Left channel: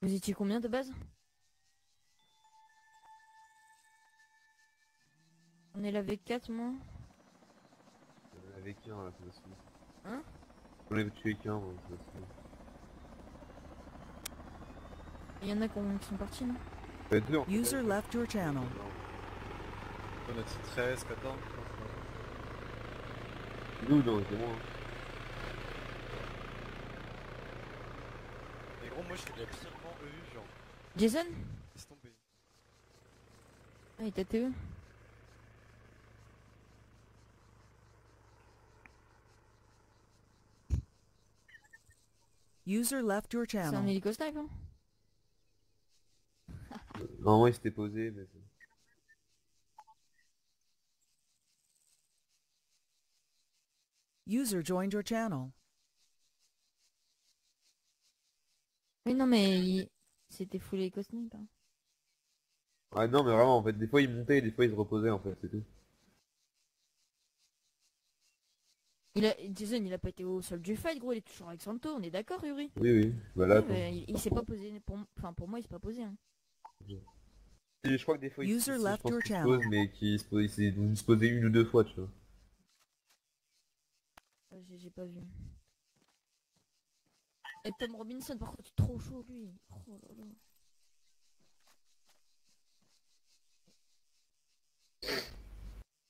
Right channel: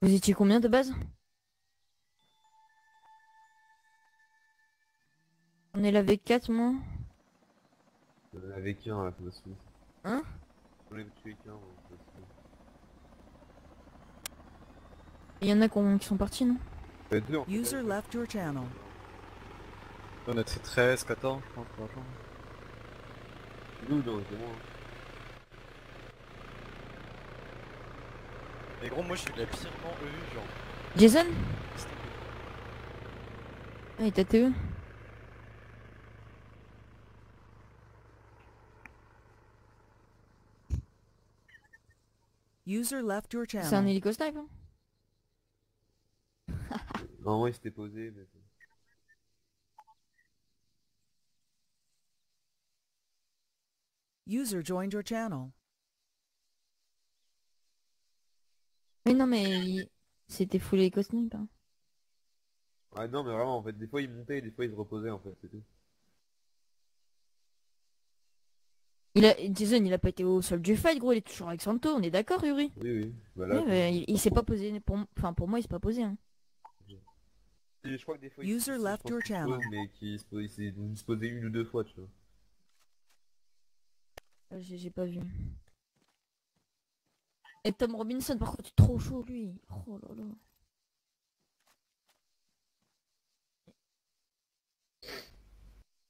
Vous étiez combien de base? On est là avec 4 moi. Avec un là, ça m'a saoulé. Hein? On avait tué qu'un, moi, ça m'a saoulé. Il y en a qui sont partis, non? Deux en fait. User left your channel. On a fait 13, 14, je pense. Nous, non, c'est moi. Mais gros, moi je suis la pire en EU, genre. Jason? C'était Ah, il t'a TE. User left your C'est un channel. hélico snipe, hein? Normalement, il s'était posé, mais... User joined your channel. Oui, non, mais c'était full hélico snipe, hein. Ah non, mais vraiment, en fait, des fois il montait et des fois il se reposait, en fait, c'est tout. Jason, il a pas été au sol du fight, gros, il est toujours avec Santo, on est d'accord, Yuri? Oui, oui, voilà. Ouais, mais il s'est pas posé, enfin, pour moi, il s'est pas posé, hein. Et je crois que des fois User je left pense your qu'il se channel. pose, mais qu'il se pose, il s'est se posait une ou deux fois, tu vois. J'ai pas vu. Et Tom Robinson, par contre, trop chaud, lui. Oh là là.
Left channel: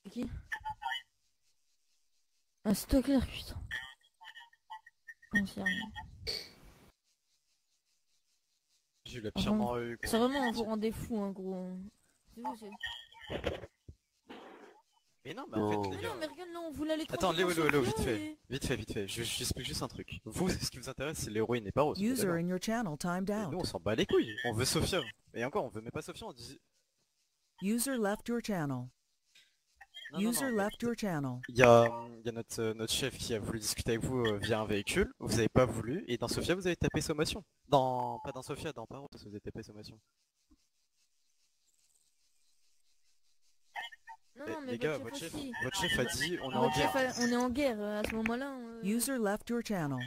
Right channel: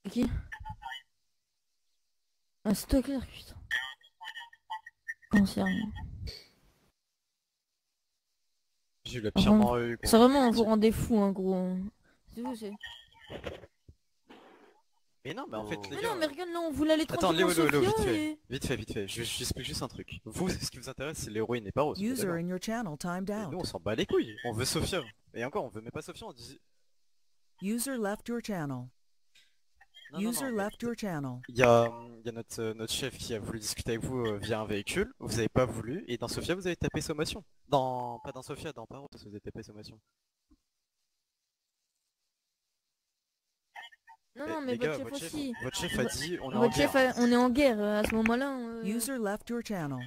C'est qui? Ah, c'est toi, Claire, putain. Non, c'est rien. J'ai eu la pire en EU, C'est gros. vraiment, on vous rendez fou, hein, gros. C'est vous, c'est... Mais non, mais en fait, Non. les Mais gars... non, mais regarde, là, on voulait aller Attends, Léo, tranquillement Léo, Léo, Sofia vite fait, vite fait. J'explique juste un truc. Vous, ce qui vous intéresse, c'est l'héroïne et pas Rose. User in your channel timed Et nous, on out. s'en bat les couilles. On veut Sophia. Et encore, on veut même pas Sophia, on dit... User left your channel. Non, non, User non, mais left your channel. il y a notre chef qui a voulu discuter avec vous via un véhicule. Vous avez pas voulu. Et dans Sophia, vous avez tapé sommation. Pas dans Sophia, dans Paro, vous avez tapé sommation. Non, Eh, non, mais les gars, votre chef aussi. votre chef a dit on est en Votre guerre. chef, on est en guerre, à ce moment-là. User left your channel.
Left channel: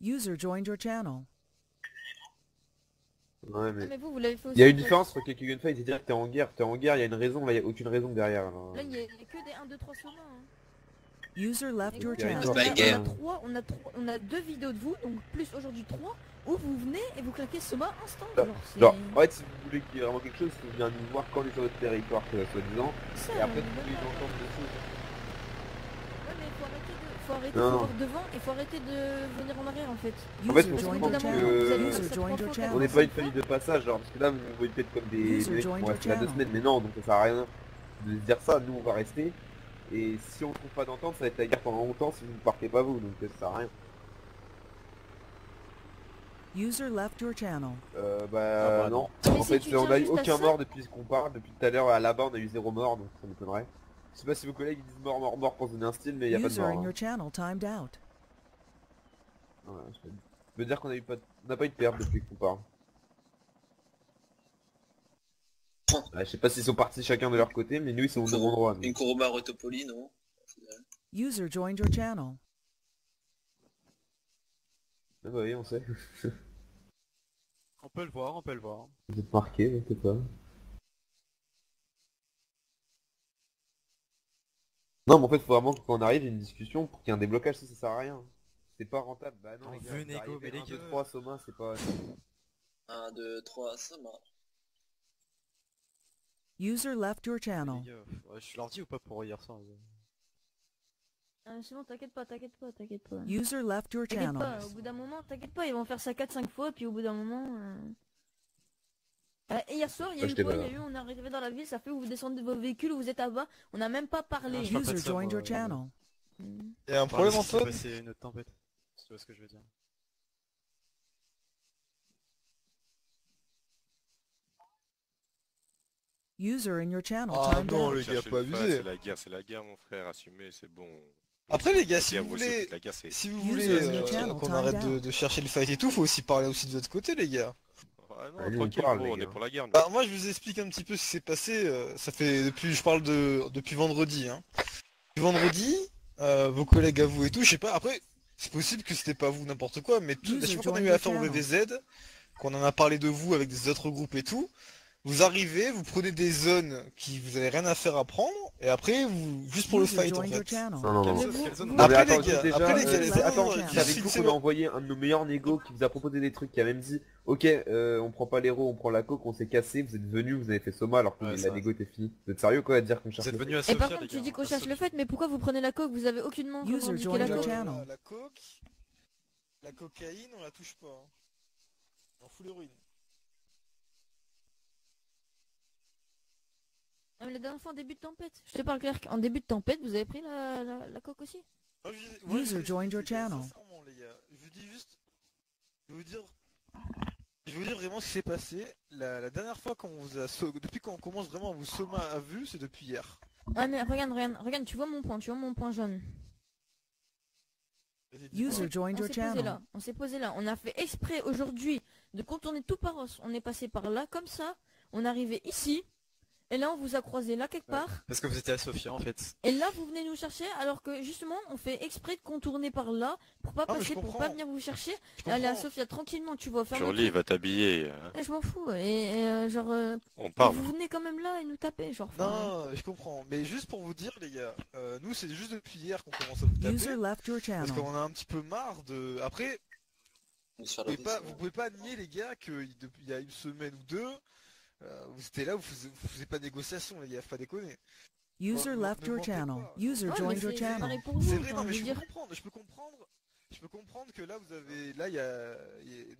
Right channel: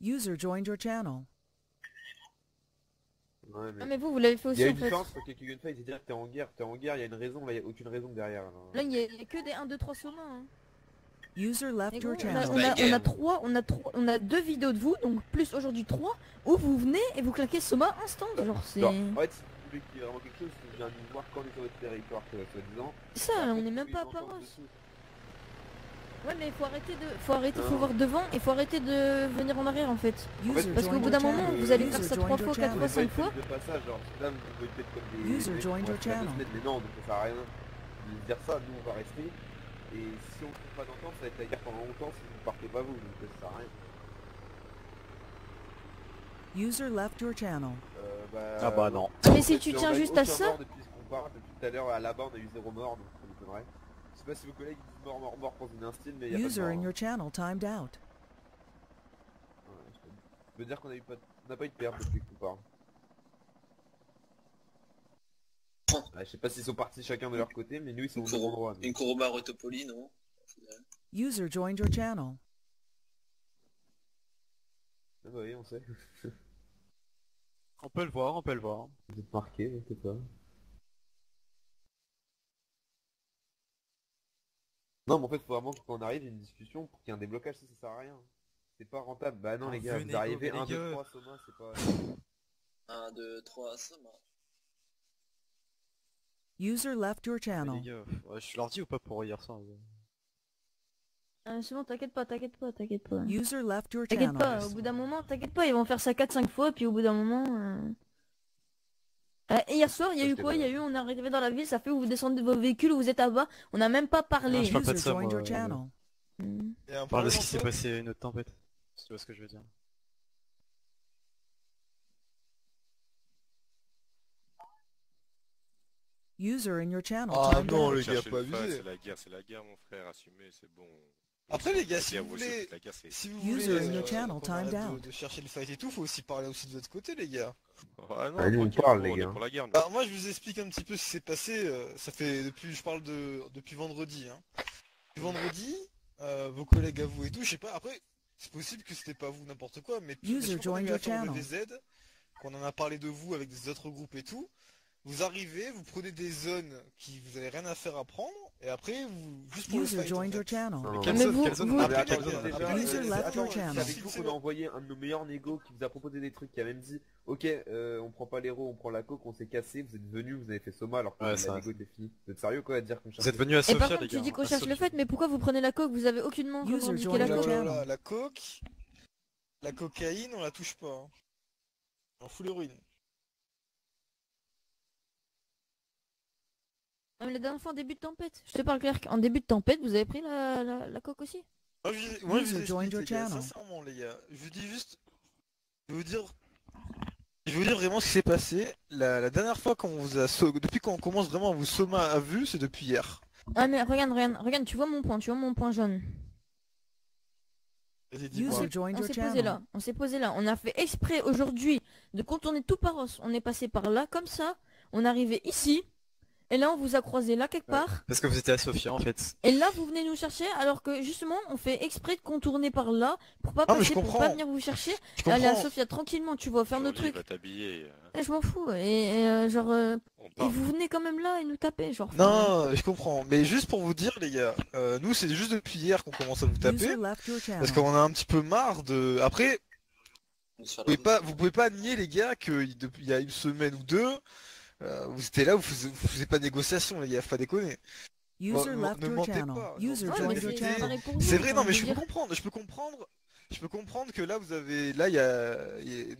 User joined your channel. Ouais, mais... Ah, mais vous l'avez fait Il aussi, y a en une fait. différence entre quelques gunfights et dire que t'es en guerre, il y a une raison, là il y a aucune raison derrière. Alors... Là, il y a que des 1, 2, 3 sommats, hein. User left Mais your gros, channel. on a 2 vidéos de vous, donc plus aujourd'hui 3, où vous venez et vous claquez Soma instant. Genre, c'est... Genre, en fait, si vous voulez qu'il y ait vraiment quelque chose, il faut que je vienne nous voir quand on est sur votre territoire, soi-disant. Ça, Et on après, est même tous les pas... ensembles de choses. Ouais, mais faut arrêter, Non. faut voir devant et faut arrêter de venir en arrière en fait. En fait, User Parce qu'au joined bout your d'un moment, channel. vous allez User faire ça joined 3 your fois, 4 On fois, n'est channel. pas une 5 fois. famille de passage, genre, parce que là, vous vous voyez peut-être comme des User mecs qui joined vont your rester là 2 channel. semaines, mais non, donc ça sert à rien de se dire ça, nous on va rester. Et si on trouve pas d'entente, ça va être la guerre pendant longtemps si vous ne partez pas vous, donc ça sert à rien. User left your channel. Ah bah non. Mais En si fait, tu on tiens a eu juste à aucun ça... mort depuis qu'on parle, depuis tout à l'heure là-bas on a eu 0 mort, donc ça m'étonnerait. Je sais pas si vos collègues disent mort, mort, mort pour donner un style, mais il y a pas de User mort. in Hein. your channel timed out. Ouais, je veux dire qu'on a eu pas de... on n'a pas eu de perte depuis qu'on parle. Ouais, je sais pas s'ils sont partis chacun de leur côté, mais nous ils sont au bon endroit. Une Kuruma Rotopoli, non? User joined your channel. Ah bah oui, on sait. On peut le voir, on peut le voir. Vous êtes marqué, je sais pas. Non, mais en fait, faut vraiment que quand on arrive, il y ait une discussion pour qu'il y ait un déblocage, ça sert à rien. C'est pas rentable. Bah non, Oh, les gars, venez, vous arrivez go, les 1, 2, gars. 3, Soma, c'est pas... 1, 2, 3, ça marche. User left your Les channel. gars, ouais, je leur dis ou pas pour hier soir c'est bon, t'inquiète pas, t'inquiète pas, t'inquiète pas. User left your T'inquiète channel. pas, au bout d'un moment, t'inquiète pas, ils vont faire ça 4-5 fois, puis au bout d'un moment... Et hier soir, il y a Ouais, eu j'étais quoi? là. Il y a eu, on est arrivé dans la ville, ça fait où vous descendez de vos véhicules, vous êtes à bas, on n'a même pas parlé. Non, je parle pas de User ça, joined moi, your channel. Hmm. Et un Parle de problème ce en qui s'est toi? passé une autre tempête. Si tu vois ce que je veux dire. User in your channel Ah timed non, out. les gars, Cherchez pas le pas, abusé. c'est la guerre, mon frère, assumez, c'est bon. Après les gars, La si guerre, vous aussi, voulez, la guerre, c'est... si vous User voulez in your channel qu'on timed arrête out. de chercher le fight et tout, faut aussi parler aussi de votre côté les gars. Ouais, non, Ah, nous, on tranquille, parle, gros, les on gars. est pour la guerre, nous. Alors moi je vous explique un petit peu ce qui s'est passé, ça fait depuis, je parle de depuis vendredi. Hein. Depuis vendredi, vos collègues à vous et tout, je sais pas, après, c'est possible que c'était pas vous n'importe quoi, mais User la chaque fois qu'on a joined eu your affaire au channel. VVZ, qu'on en a parlé de vous avec des autres groupes et tout, vous arrivez, vous prenez des zones qui vous avez rien à faire à prendre, et après vous juste pour le User fight en joined your fait. channel. Non, non, Quelle non. Mais zone, vous- quelle zone vous- on Non, a mais Après, attends, les gars, déjà, après, les gars, User les left gars, your attends, channel. c'est avec si vous c'est qu'on a bon. envoyé un de nos meilleurs négos qui vous a proposé des trucs, qui a même dit ok, on prend pas l'héros, on prend la coque, on s'est cassé, vous êtes venus, vous avez fait Soma alors que Ouais, la c'est vrai. négo était finie. Vous êtes sérieux quoi à dire qu'on Vous cherche êtes venus à Et Sofia, par les contre, gars. tu dis qu'on à cherche le Sofia. fait, mais pourquoi vous prenez la coke? Vous avez aucunement User revendiqué joined la your coke. channel. La coke, la cocaïne, on la touche pas. Hein. On fout l'héroïne. Ah, mais la dernière fois en début de tempête. Je te parle clair, en début de tempête, vous avez pris la coke aussi? Moi, User je vous joined your explique, les gars, channel. sincèrement, les gars. Je vous dis juste... Je vais vous dire vraiment ce qui s'est passé. La dernière fois qu'on vous a... Depuis qu'on commence vraiment à vous sommer à vue, c'est depuis hier. Ah mais regarde, tu vois mon point jaune. Vas-y, dis-moi. User joined On your s'est posé channel. là, on s'est posé là. On a fait exprès aujourd'hui de contourner tout Paros. On est passé par là, comme ça. On est arrivé ici. Et là, on vous a croisé là quelque part. Parce que vous étiez à Sofia en fait. Et là, vous venez nous chercher, alors que justement, on fait exprès de contourner par là pour pas Ah, mais passer, je pour comprends. pas venir vous chercher. Je Aller à comprends. Sofia tranquillement, tu vois, faire nos Jolie trucs. va t'habiller. Et je m'en fous. Et genre, On et parle. vous venez quand même là et nous taper, genre. enfin, Non, je comprends. Mais juste pour vous dire, les gars, nous, c'est juste depuis hier qu'on commence à vous taper. User left your Parce channel. qu'on a un petit peu marre de... Après, On se fait la vous pouvez pas nier, les gars, qu'il y a une semaine ou deux, vous étiez là, vous faisiez pas de négociation, les gars, faut pas déconner. User Ne- left ne your mentez channel. pas. User ouais, joined mais your c'est channel. pareil pour vous, C'est vrai, enfin, non, mais je je veux peux dire. comprendre, je peux comprendre que là, vous avez, là,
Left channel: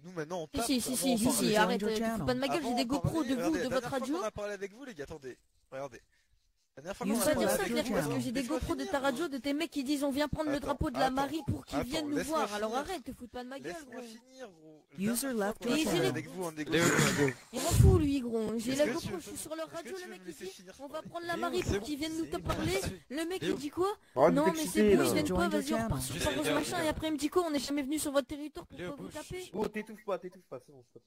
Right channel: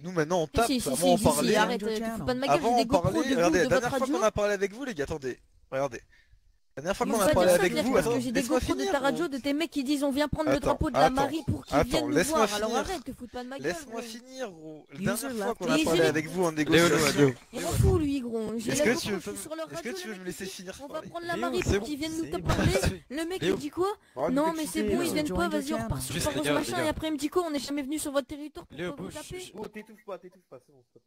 nous maintenant on tape, Si, avant si, on si, parlait, si, Join arrête, your tu te channel. fous pas de ma gueule, j'ai avant des on GoPros parlait, de vous, regardez, de la votre dernière fois radio. qu'on a parlé avec vous, les gars, attendez, regardez. La dernière fois Nous qu'on a Ça, sommes parlé left avec your vous, channel. attends, j'ai des laisse-moi GoPros de finir, ta radio, de tes mecs qui disent on vient prendre le Attends, drapeau de la attends, Marie pour qu'ils attends, viennent nous laisse-moi voir. Alors finir. arrête, te fous pas de ma gueule. Laisse-moi gros. finir, gros. La User dernière fois left qu'on your a parlé channel. avec vous en Léo, négociation, Léo, Il m'en fout lui, gros. J'ai Est-ce la que tu GoPro, veux je suis pas- sur leur est-ce radio. que tu le veux mec, me laisser il dit, finir on va parler prendre la Léo, Marie c'est pour bon, qu'ils viennent nous c'est te bon. parler. Le mec Oh, il dit quoi? Arrête Non de mais c'est t'exciter, bon, là. ils viennent pas, Join your vas-y on channel. repart sur Juste, Paros les gars, machin les et gars. après il me dit quoi? On est jamais venu sur votre territoire pour Léo, pas vous bouge. taper. Oh, t'étouffes pas, c'est bon, stop.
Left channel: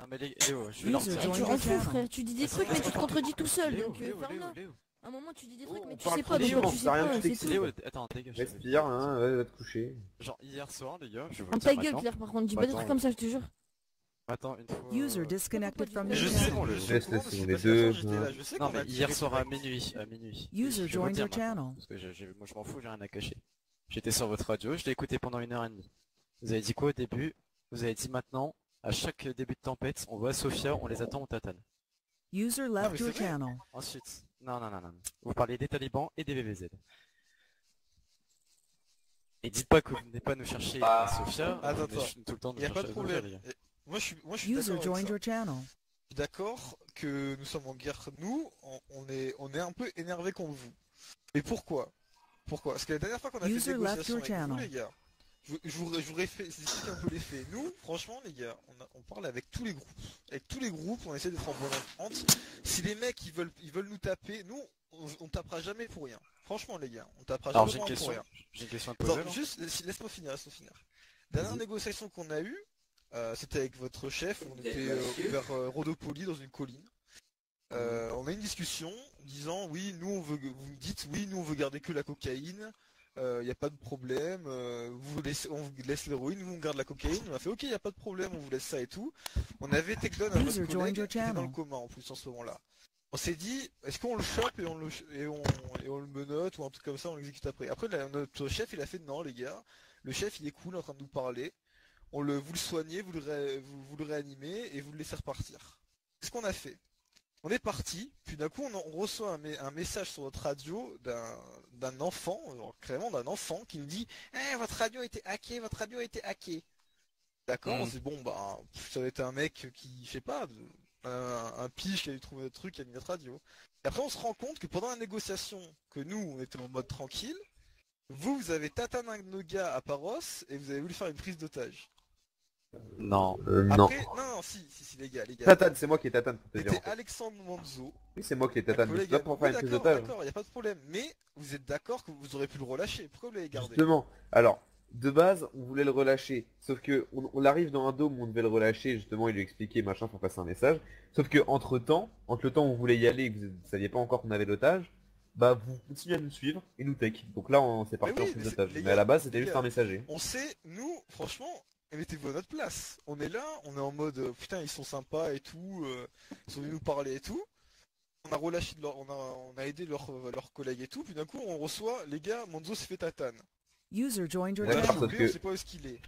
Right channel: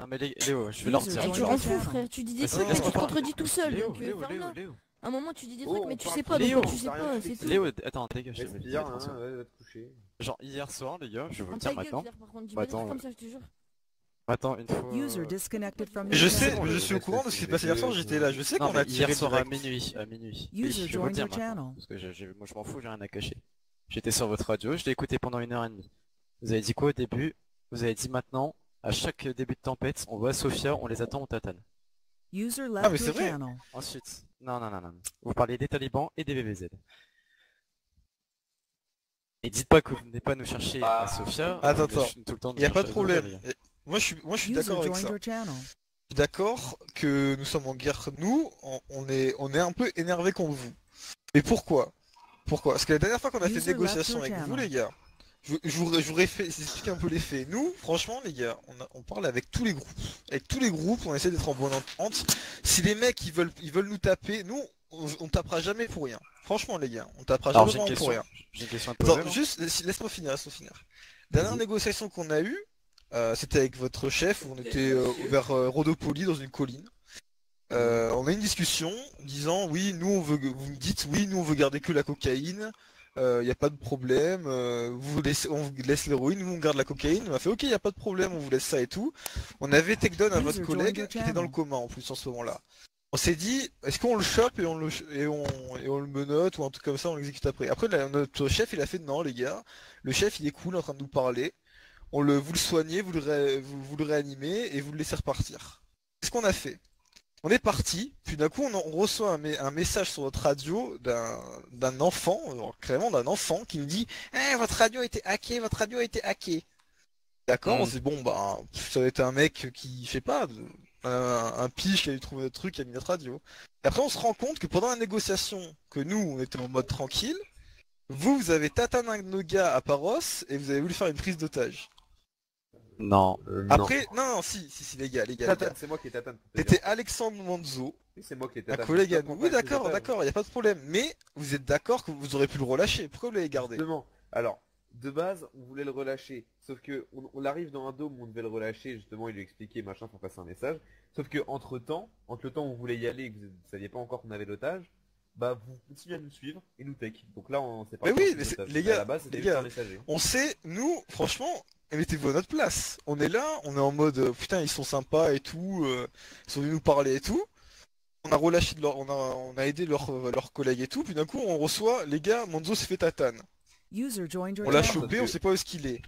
Non mais Léo, je vais leur User dire. joined Tu your en fous channel. frère, tu dis des Laisse-moi trucs mais tu te parler. contredis tout seul. Léo, Donc Léo, ferme-la. Léo. À un moment tu dis des Oh, trucs mais on tu parle sais pas pas, de donc Léo, quand tu sais t'as rien pas, dit, c'est tout. Léo, attends, dégage. je vais te Respire, dire. hein, ouais, va te coucher. Genre hier soir les gars, je vais vous On le ta dire gueule maintenant. Claire par contre, dis pas des Attends, trucs comme ça je te jure. Attends, une fois... User disconnected from Mais your je sais, channel. je suis au courant de ce qui s'est passé hier soir, j'étais là, je sais Non qu'on a mais hier tiré soir à direct. minuit, User Et je vais vous joined le dire your maintenant, channel. parce que moi je m'en fous, j'ai rien à cacher. J'étais sur votre radio, je l'ai écouté pendant 1h30. Vous avez dit quoi au début? Vous avez dit maintenant, à chaque début de tempête, on va à Sofia, on les attend, on tatane. User mais left c'est your vrai. channel. Ensuite, non. Vous parlez des talibans et des VVZ. Et dites pas que vous venez pas nous chercher à Sofia. Attends, vous venez tout le temps nous Y a pas chercher de à Sofia, problème. les gars. Moi je suis User d'accord avec joined ça. your channel. Je suis d'accord que nous sommes en guerre. Nous, on est un peu énervé contre vous. Mais pourquoi? Pourquoi? Parce que la dernière fois qu'on a fait User des négociations left your avec vous, channel. les gars, je vous explique un peu les faits. Nous, franchement, les gars, on parle avec tous les groupes. Avec tous les groupes, on essaie d'être en bonne entente. Si les mecs ils veulent nous taper, nous, on tapera jamais pour rien. Franchement, les gars, on tapera Alors jamais j'ai une pour question. rien. J'ai une question à te Attends, poser. là. juste, laisse-moi finir. Dernière Vas-y. négociation qu'on a eue, c'était avec votre chef, on était vers Rhodopoli dans une colline. On a eu une discussion disant oui, nous on veut, vous me dites oui, nous on veut garder que la cocaïne, il n'y a pas de problème, on vous laisse l'héroïne, nous on garde la cocaïne, on a fait ok, il n'y a pas de problème, on vous laisse ça et tout. On avait takedown à User votre joined collègue your qui était dans channel. le coma en plus en ce moment-là. On s'est dit, est-ce qu'on le chope et on le menotte ou un truc comme ça, on l'exécute après. Après notre chef il a fait non les gars, le chef il est cool en train de nous parler, vous le soignez, vous le réanimez et vous le laissez repartir. C'est ce qu'on a fait. On est parti, puis d'un coup on reçoit un message sur notre radio d'un enfant, carrément d'un enfant qui nous dit eh, votre radio a été hacké, votre radio a été hacké. D'accord, on s'est dit bon bah ça va être un mec qui, je sais pas, un pige qui a dû trouver notre truc, qui a mis notre radio. Et après on se rend compte que pendant la négociation, que nous on était en mode tranquille, vous avez tatané un de nos gars à Paros et vous avez voulu faire une prise d'otage. Non. Non. Après, non, si les gars. Tatane, c'est moi qui est Tatane. pour te C'était dire. Alexandre Manzo, Oui, c'est moi qui est un Tatane. collègue à Stop, nous. on Oui, fait un d'accord, otage. d'accord, y a pas de problème. Mais vous êtes d'accord que vous aurez pu le relâcher. Pourquoi vous l'avez gardé? Justement. Alors, de base, on voulait le relâcher. Sauf que on arrive dans un dôme où on devait le relâcher. Justement, il lui expliquait machin pour passer un message. Sauf que entre le temps où on voulait y aller, et que vous ne saviez pas encore qu'on avait l'otage, bah vous continuez à nous suivre et nous tech. Donc là on s'est parti Mais oui, en mais pilotage. les Mais à gars, la base c'était les juste gars. un messager. On sait, nous, franchement, mettez-vous à notre place. On est là, on est en mode putain, ils sont sympas et tout, ils sont venus nous parler et tout. On a relâché on a aidé leurs collègues et tout, puis d'un coup on reçoit, les gars, Monzo s'est fait tatane. User joined your On l'a D'accord, channel. chopé, parce on que- sait pas où est-ce qu'il est.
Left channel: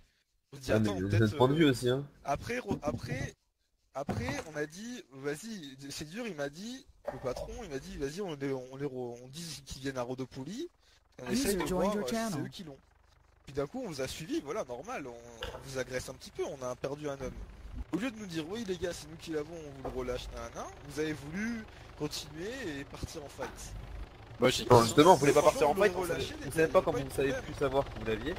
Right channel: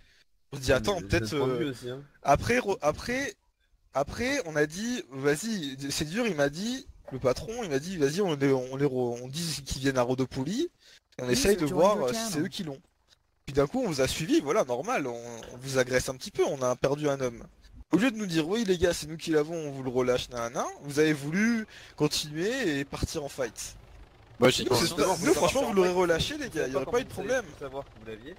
On se dit Ah, attends, mais peut-être je point de vue aussi, hein. après on a dit vas-y, c'est dur, il m'a dit, le patron, il m'a dit vas-y on dit qu'ils viennent à Rodopoly, et on essaye de User voir joined your si c'est channel. eux qui l'ont. Puis d'un coup on vous a suivi, voilà, normal, on vous agresse un petit peu, on a perdu un homme. Au lieu de nous dire oui les gars c'est nous qui l'avons, on vous le relâche, nanana, vous avez voulu continuer et partir en fight. Moi j'ai Bon, justement, vous Nous, voulez pas franchement partir en vous l'aurez fight, relâché les Vous gars, savez il pas aurait comment pas eu de vous savez problème. plus savoir que vous l'aviez.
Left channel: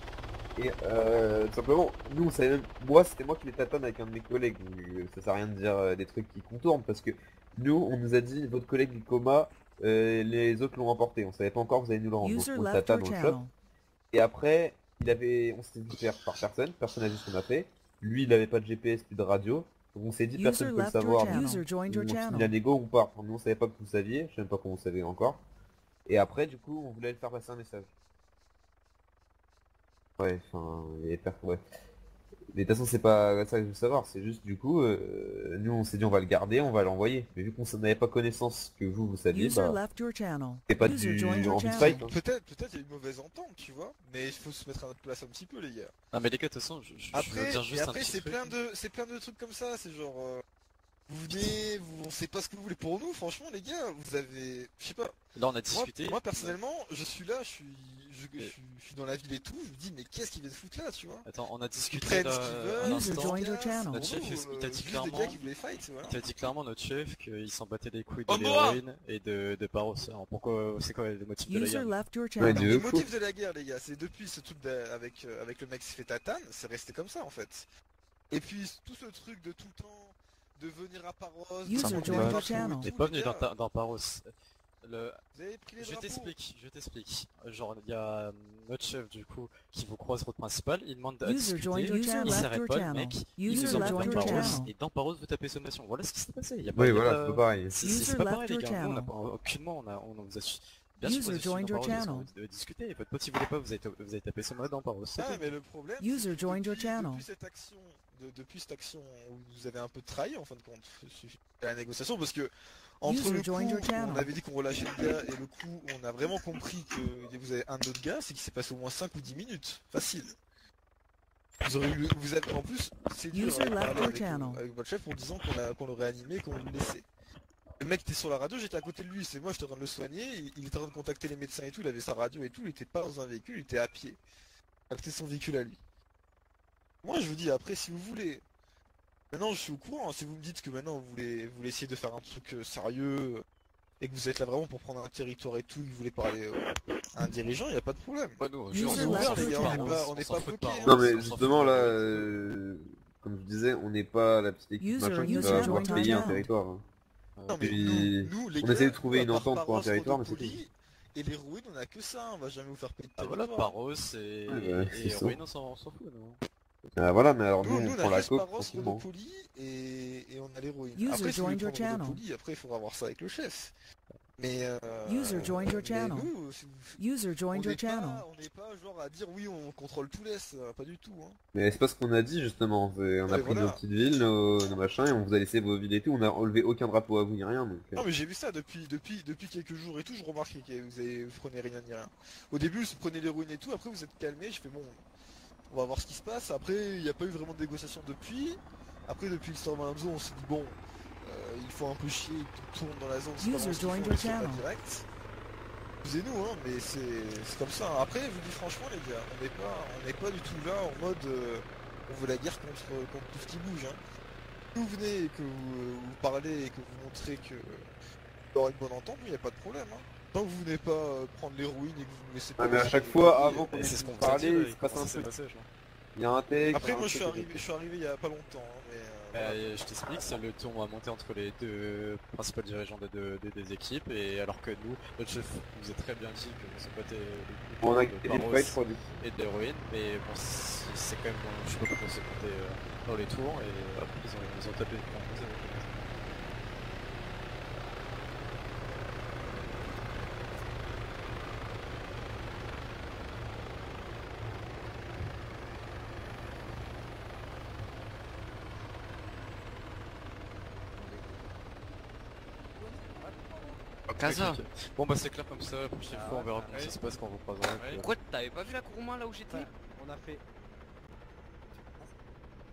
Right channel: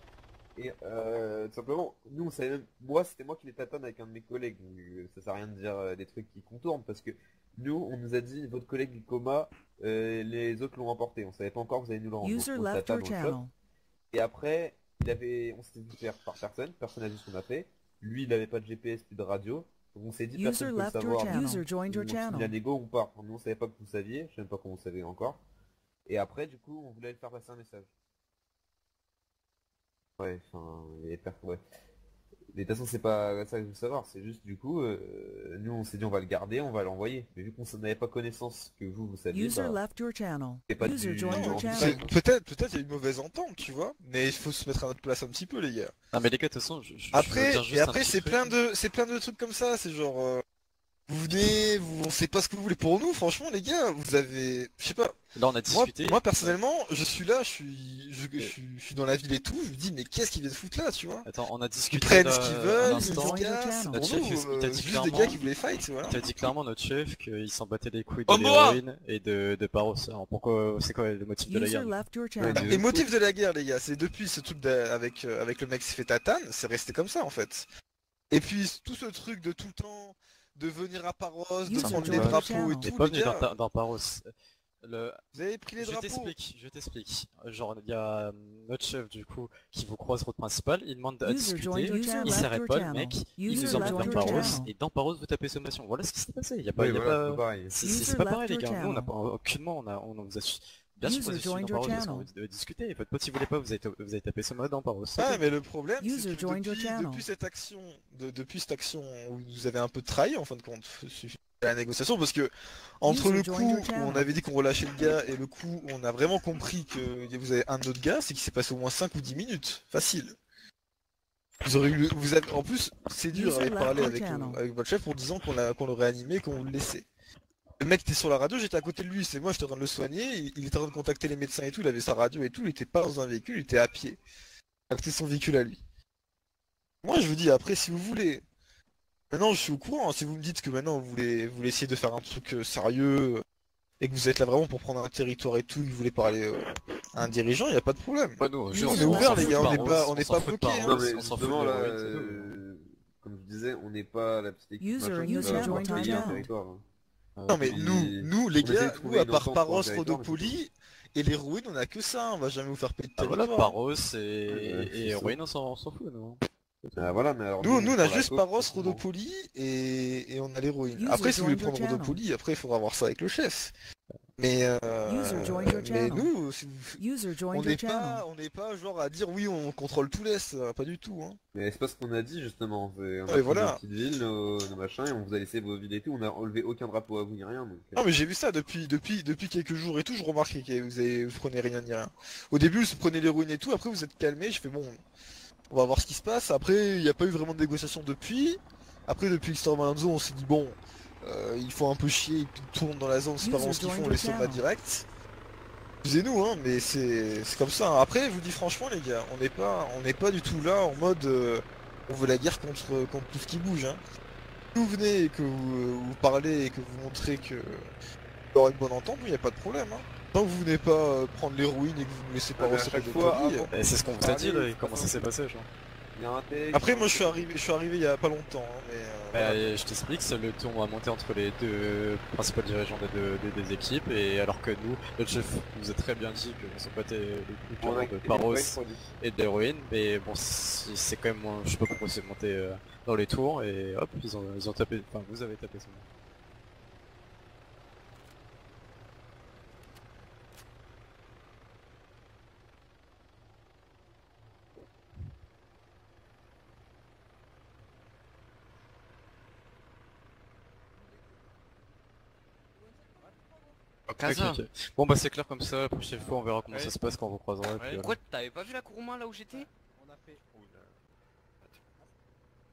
Et tout simplement, nous on savait même, moi c'était moi qui les tâtonne avec un de mes collègues, donc, ça sert à rien de dire des trucs qui contournent parce que nous on nous a dit votre collègue du coma, les autres l'ont emporté, on savait pas encore, vous allez nous le rendre. User Donc, on le left tatane, your on le chope. channel. Et après, on s'était dit faire par personne n'a vu ce qu'on a fait. Lui il avait pas de GPS plus de radio, donc on s'est dit User personne peut le left your savoir. channel. Nous, User joined your on finit la channel. négo, on part. Nous on savait pas que vous saviez, je sais même pas comment vous savez encore. Et après du coup on voulait le faire passer un message. Ouais, enfin, ouais. Mais de toute façon, c'est pas ça que je veux savoir, c'est juste du coup, nous on s'est dit on va le garder, on va l'envoyer. Mais vu qu'on n'avait pas connaissance que vous saviez, User bah, left your channel. c'est pas User du joined your envie de channel. fight, hein. Peut-être il y a une mauvaise entente, tu vois, mais il faut se mettre à notre place un petit peu les gars. Ah mais les gars de toute façon je veux Après, dire juste et un après petit c'est truc. plein de trucs comme ça, c'est genre vous venez, on sait pas ce que vous voulez pour nous, franchement les gars, vous avez, je sais pas, Là on a discuté. moi personnellement, je suis là, je suis dans la ville et tout, je me dis mais qu'est-ce qu'ils viennent foutre là, tu vois? Attends, on a Ils discuté prennent là, ce qu'ils à veulent, User ils l'instant. se joined your cassent, channel. pour Notre chef, nous, il t'a dit juste des clairement- gars qui voulaient fight, voilà. Il a dit clairement notre chef qu'il s'en battait les couilles de Oh, moi l'héroïne et de Paros. Alors pourquoi, c'est quoi le motif de la User guerre? left your Ouais, channel. Les motifs de la guerre les gars, c'est depuis ce truc avec le mec qui s'est fait tatane, c'est resté comme ça en fait. Et puis tout ce truc de tout le temps de venir à Paros, de User prendre des joined your drapeaux channel. et T'es tout, pas les venu gars, dans Paros. vous avez pris les Je drapeaux. t'explique. Genre, il y a notre chef, du coup, qui vous croise route principale, il demande à User joined discuter, your il channel. s'arrête Your pas, le channel. mec, il User nous emmène left dans your Paros, channel. et dans Paros, vous tapez sommation. Voilà ce qui s'est passé. Il y a pas, Oui, il y a voilà, pas- c'est pareil. User c'est pas left pareil, les your gars. Nous, on n'a channel. pas, aucunement, on vous a bien User sûr, on a joined dans your Paros, parce channel. qu'on veut discuter. Votre pote, il voulait pas, vous avez tapé son mode dans Paros. c'est Ouais, tout. mais le problème, User c'est que joined your channel. depuis cette action où vous avez un peu trahi en fin de compte, suffit à la négociation, parce que entre User le joined your coup où on channel. avait dit qu'on relâchait le gars et le coup où on a vraiment compris que vous avez un autre gars, c'est qu'il s'est passé au moins 5 ou 10 minutes, facile. Vous avez, en plus, c'est dur User de left parler your avec, channel. avec votre chef pour disant qu'on le réanimait et qu'on le laissait. Le mec était sur la radio, j'étais à côté de lui, c'est moi, j'étais en train de le soigner, il était en train de contacter les médecins et tout, il avait sa radio et tout, il était pas dans un véhicule, il était à pied. C'était son véhicule à lui. Moi je vous dis, après si vous voulez, maintenant je suis au courant, hein, si vous me dites que maintenant vous voulez essayer de faire un truc sérieux, et que vous êtes là vraiment pour prendre un territoire et tout, que vous voulez parler à un dirigeant, il n'y a pas de problème. Pas nous, User On est left ouvert les your gars, on channel. n'est pas bloqué. Hein. Non mais on s'en fout justement de là, l'héroïne, comme je disais, on n'est pas la petite équipe User machin qui user va joined payer your un channel. territoire. Hein. Non mais Puis, nous les on essaie gars, de trouver nous, à une part entente pour un Paros, territoire, mais c'est Rodopoly et l'héroïne, on a que ça, on va jamais vous faire payer de Ah territoire. voilà, Paros Ouais, et c'est héroïne, on s'en fout, nous. Voilà, mais alors Nous, on prend a la juste coke, Paros, tranquillement. Rodopoly et on a l'héroïne. User Après, si vous voulez joined your prendre channel. Rodopoly, après, il faudra voir ça avec le chef. Mais, User joined your mais channel. nous, si vous... User on joined your n'est channel. pas, on n'est pas genre à dire oui, on contrôle tout l'Est, pas du tout. Hein. Mais c'est pas ce qu'on a dit justement. On a Ouais, pris voilà. nos petites villes, nos machins, et on vous a laissé vos villes et tout. On a enlevé aucun drapeau à vous ni rien. Donc, Non mais j'ai vu ça depuis quelques jours et tout, je remarquais que vous prenez rien ni rien. Au début, vous prenez l'héroïne et tout, après vous êtes calmé, je fais bon, on va voir ce qui se passe. Après, il n'y a pas eu vraiment de négociation depuis. Après, depuis l'histoire Malonzo, on s'est dit bon, il faut un peu chier, tout le monde dans la zone, c'est pas User vraiment ce qu'ils joined font, your les soldats channel. direct. Excusez-nous, hein, mais c'est comme ça. Après, je vous dis franchement, les gars, on n'est pas du tout là en mode on veut la guerre contre tout ce qui bouge. Hein. Si vous venez et que vous parlez et que vous montrez que il y aura une bonne entente, il n'y a pas de problème. Hein. Tant que vous venez pas prendre l'héroïne et que vous ne laissez pas Ah, mais à passer chaque la fois, Rodopoly, avant Et c'est ce qu'on vous a Parler, dit, là, c'est et comment pas ça s'est simple. passé, genre. il y a un texte. Après, un moi je truc- suis arrivé il y a pas longtemps, hein, mais Je t'explique, c'est le ton à monter entre les deux principaux dirigeants des équipes, et alors que nous, notre chef nous a très bien dit que c'est pas On a de quitté Paros les fights, quoi, et de l'héroïne, mais bon, c'est quand même, je sais pas pourquoi c'est compté dans les tours, et hop, ils ont tapé, enfin vous avez tapé ça. Casa. Ok, ok. Bon bah c'est clair comme ça, la prochaine fois on verra comment ça se passe quand on vous croisera. puis, Pourquoi t'avais pas vu la Kuruma là où j'étais? On a fait.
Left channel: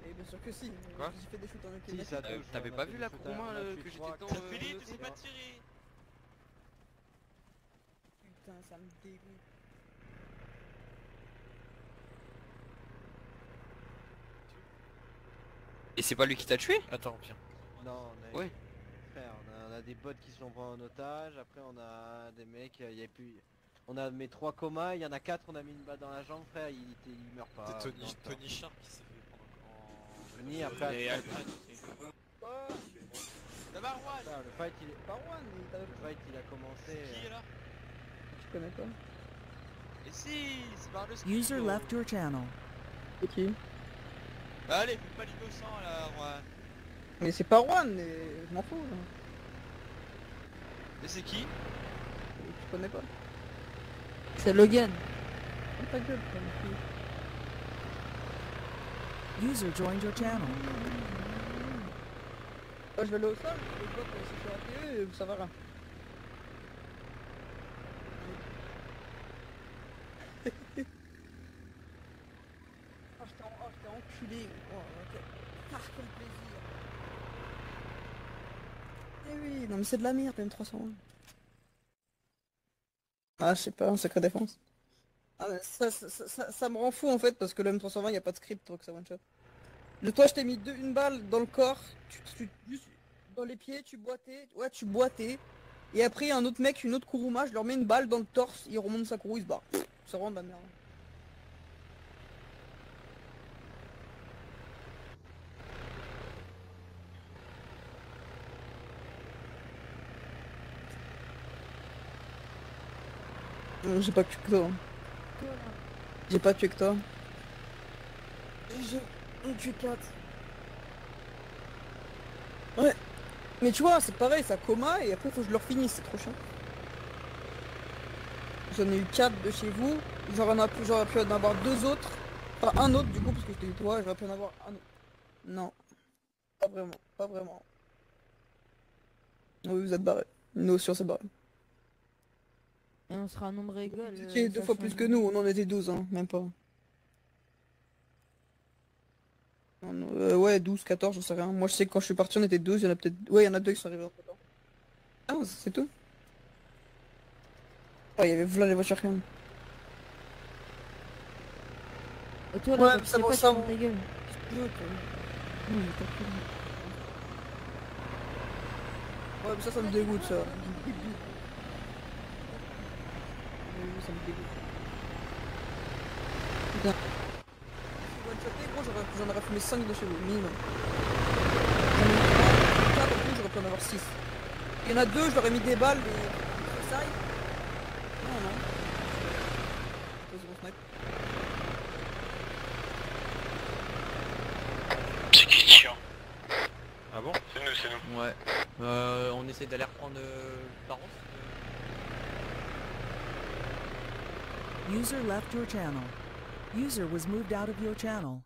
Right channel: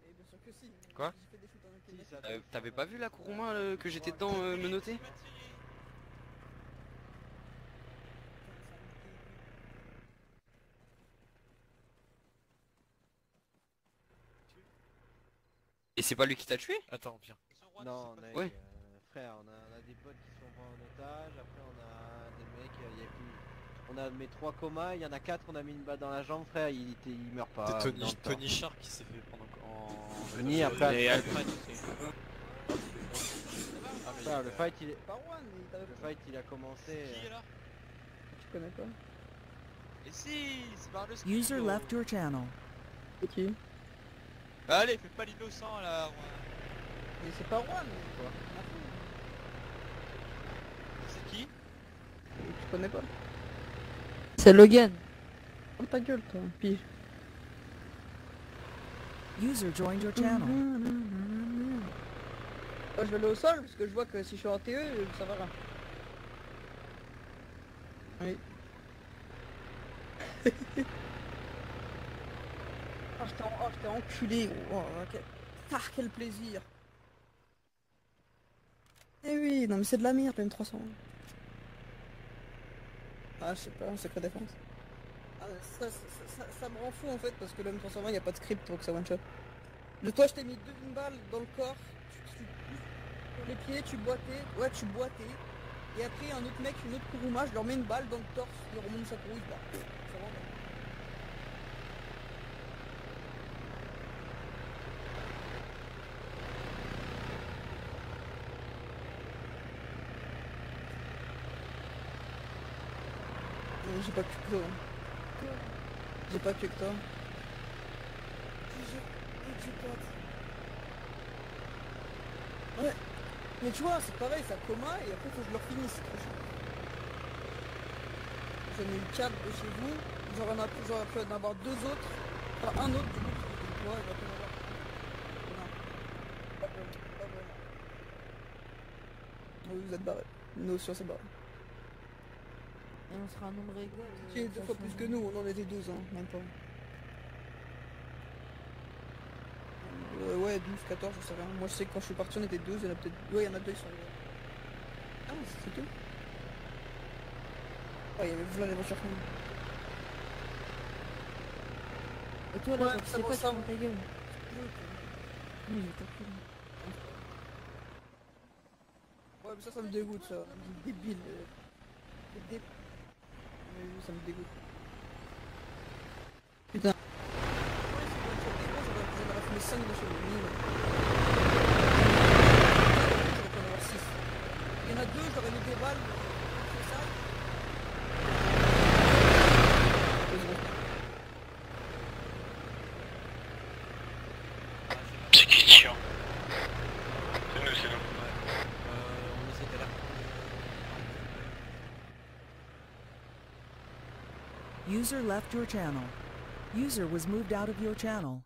Et bien sûr que si. Quoi? J'ai fait des shoots en Si, Ukraine. ça T'avais pas vu la Kuruma que j'étais dedans menotté? Putain, ça me dégoûte. Et c'est pas lui qui t'a tué? Attends, viens. Non, on a, Ouais. frère, on a des bots qui sont pris en otage, après on a des mecs, il y a plus... On a mes 3 comas, il y en a 4, on a mis une balle dans la jambe, frère, il meurt pas. C'est dans le temps. Tony Sharp qui s'est fait prendre en... Tony, après, Et Alfred. Alfred aussi. Frère, le fight il est... Pas one, le fight il a commencé... Tu connais pas? Et si, c'est par le User left your channel. Ok. Allez, fais pas l'innocent là, moi. Mais c'est pas Juan, mais je m'en fous. Mais c'est qui? Tu connais pas? C'est Logan. Oh ta gueule, toi, fille. User joined your channel. Moi je vais aller au sol, parce que je vois que si je suis en TE, ça va rien. Oui. Je t'ai enculé. Oh, ah, quel plaisir. Eh oui, non mais c'est de la merde, M300. Ah, je sais pas, un secret défense. Ah, ça me rend fou en fait, parce que le M320, il n'y a pas de script pour que ça one shot. Toi, je t'ai mis une balle dans le corps, tu dans les pieds, tu boitais, ouais, tu boitais. Et après, un autre mec, une autre Kuruma, je leur mets une balle dans le torse, il remonte sa courroux, il se barre. Ça rend de la merde. J'ai pas tué que toi. J'ai pas tué que toi. J'ai tué pote. Ouais. Mais tu vois, c'est pareil, ça coma et après faut que je leur finisse, c'est trop chiant. J'en ai eu 4 de chez vous, j'aurais pu en avoir 2 autres. Enfin un autre du coup parce que c'était toi, j'aurais pu en avoir un. Non. Pas vraiment, pas vraiment. Oui, vous êtes barrés. Nous aussi on s'est barrés. Et on sera un nombre égal. C'est 2 fois plus que nous, on en était 12, hein, même pas. Ouais, 12, 14, je sais rien. Moi je sais que quand je suis parti on était 12, il y en a peut-être... Ouais, il y en a 2 qui sont arrivés. Ah, c'est tout. Ouais, il y avait plein les voitures quand même. Et toi, Ouais, là, ça c'est va, pas ça sur va. ta gueule. Ouais, mais ça me dégoûte ça. Ça me dégoûte. Putain. J'en aurais fumé 5 de chez vous, minimum. J'aurais pu en avoir 6. Il y en a 2, je leur ai mis des balles, mais... C'est qui chiant? C'est nous, c'est nous. Ouais. On essaie d'aller reprendre User left your channel. User was moved out of your channel.